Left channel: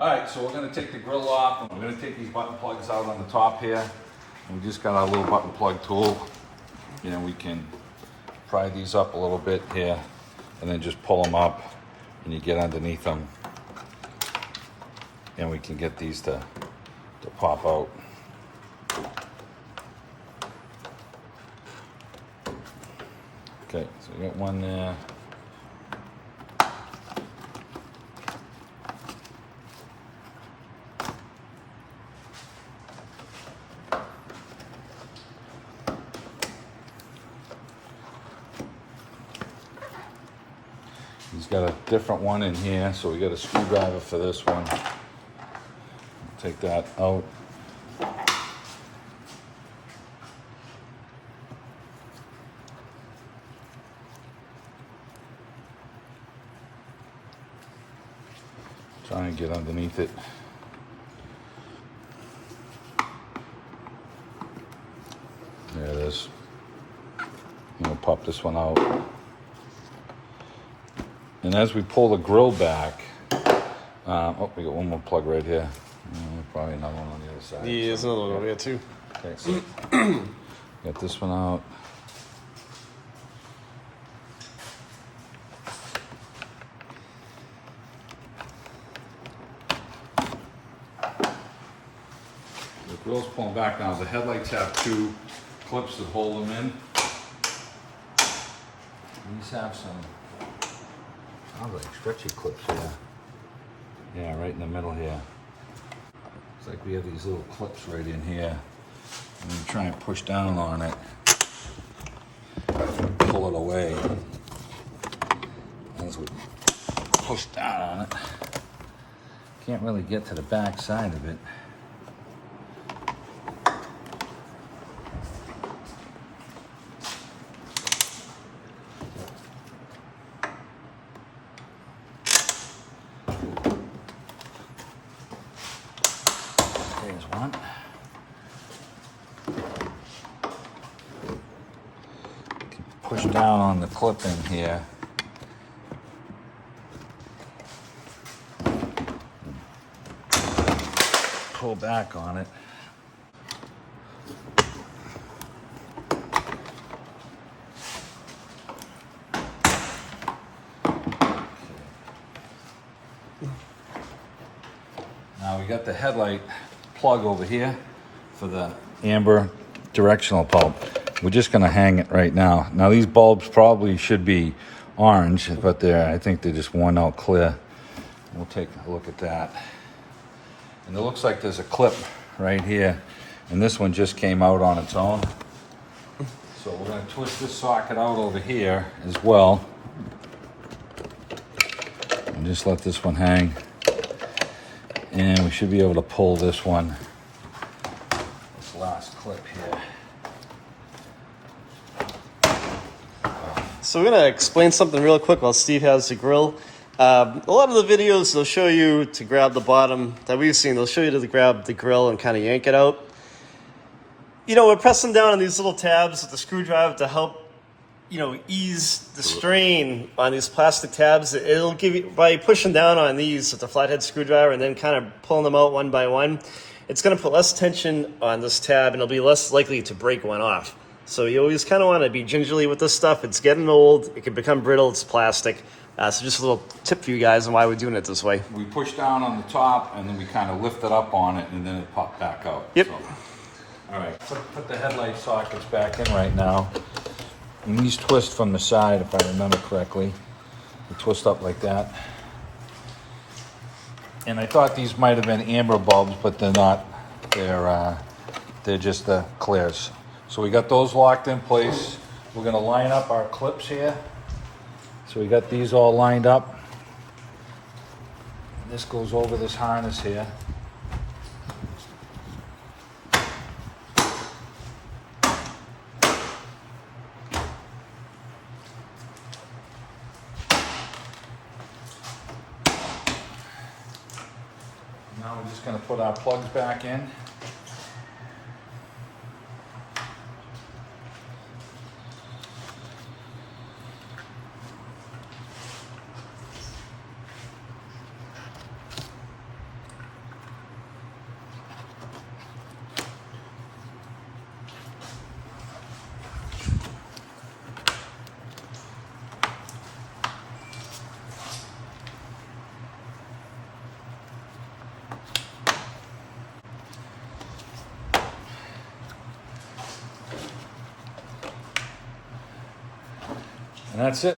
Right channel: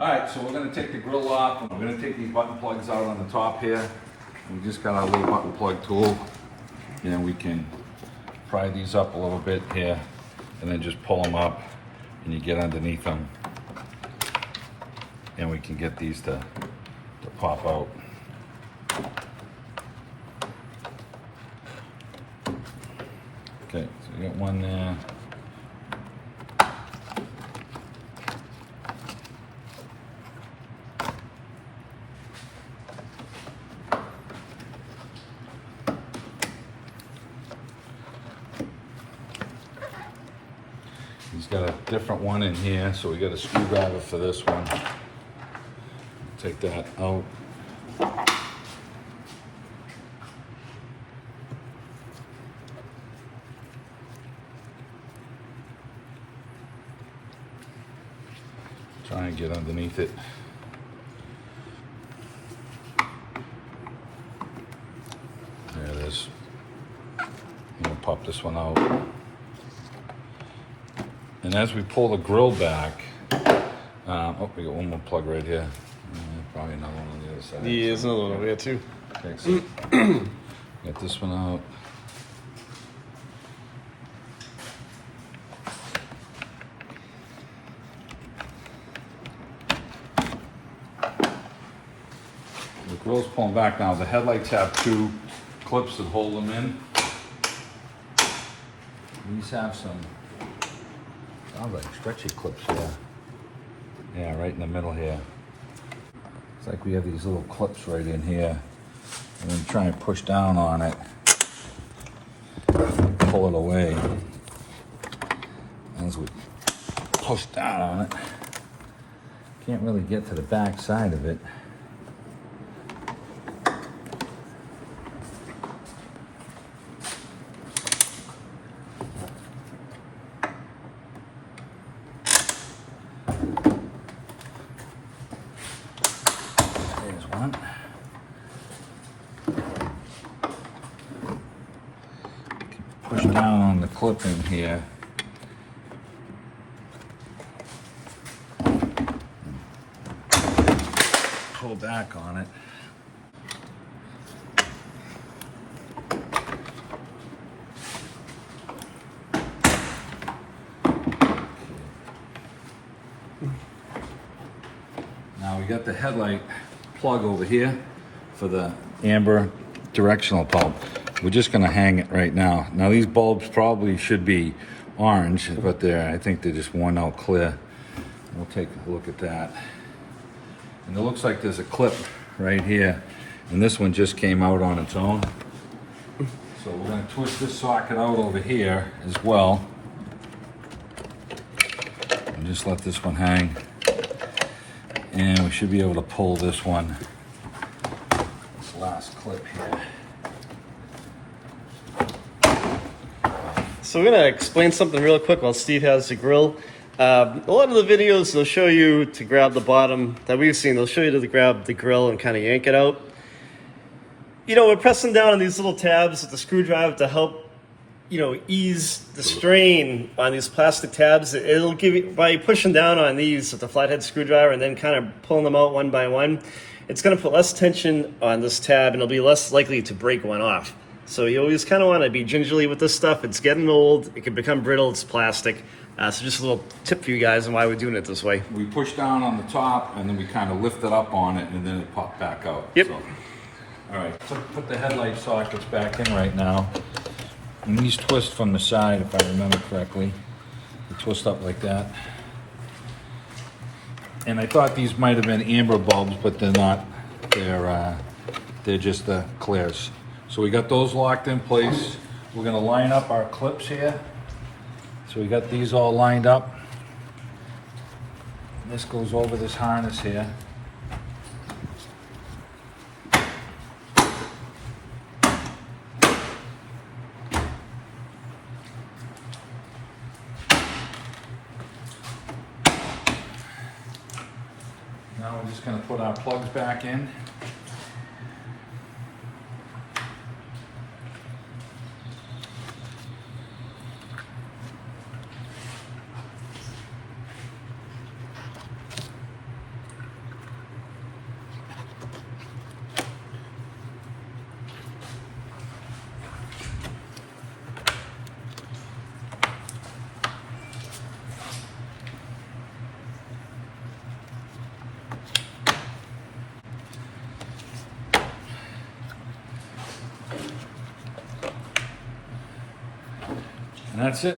All right, so we're gonna take the grill off, and we're gonna take these button plugs out on the top here. We just got our little button plug tool. And we can pry these up a little bit here, and then just pull them up, and you get underneath them. And we can get these to pop out. Okay, so we got one there. He's got a different one in here, so we got a screwdriver for this one. Take that out. Try and get underneath it. There it is. We'll pop this one out. And as we pull the grill back, oh, we got one more plug right here. Probably another one on the other side. Yeah, there's another one over here too. Okay, so get this one out. The grill's pulling back now. The headlights have two clips that hold them in. These have some, sounds like stretchy clips here. Yeah, right in the middle here. It's like we have these little clips right in here. And then try and push down on it. Pull it away. As we push down on it, can't really get to the back side of it. There's one. Push down on the clip in here. Pull back on it. Now we got the headlight plug over here for the amber directional bulb. We're just gonna hang it right now. Now these bulbs probably should be orange, but I think they're just worn out clear. We'll take a look at that. And it looks like there's a clip right here, and this one just came out on its own. So we're gonna twist this socket out over here as well. And just let this one hang. And we should be able to pull this one, this last clip here. So we're gonna explain something real quick while Steve has the grill. A lot of the videos, they'll show you to grab the bottom that we've seen. They'll show you to grab the grill and kind of yank it out. You know, we're pressing down on these little tabs with the screwdriver to help, ease the strain on these plastic tabs. It'll give you, by pushing down on these with the flathead screwdriver and then kind of pulling them out one by one, it's gonna put less tension on this tab and it'll be less likely to break one off. So you always kind of want to be gingerly with this stuff. It's getting old. It can become brittle. It's plastic. So just a little tip for you guys on why we're doing it this way. We push down on the top and then we kind of lift it up on it and then it pops back out. Yep. So, all right, put the headlight sockets back in right now. And these twist from the side, if I remember correctly. They twist up like that. And I thought these might have been amber bulbs, but they're not. They're just the clears. So we got those locked in place. We're gonna line up our clips here. So we got these all lined up. This goes over this harness here. Now we're just gonna put our plugs back in. And that's it.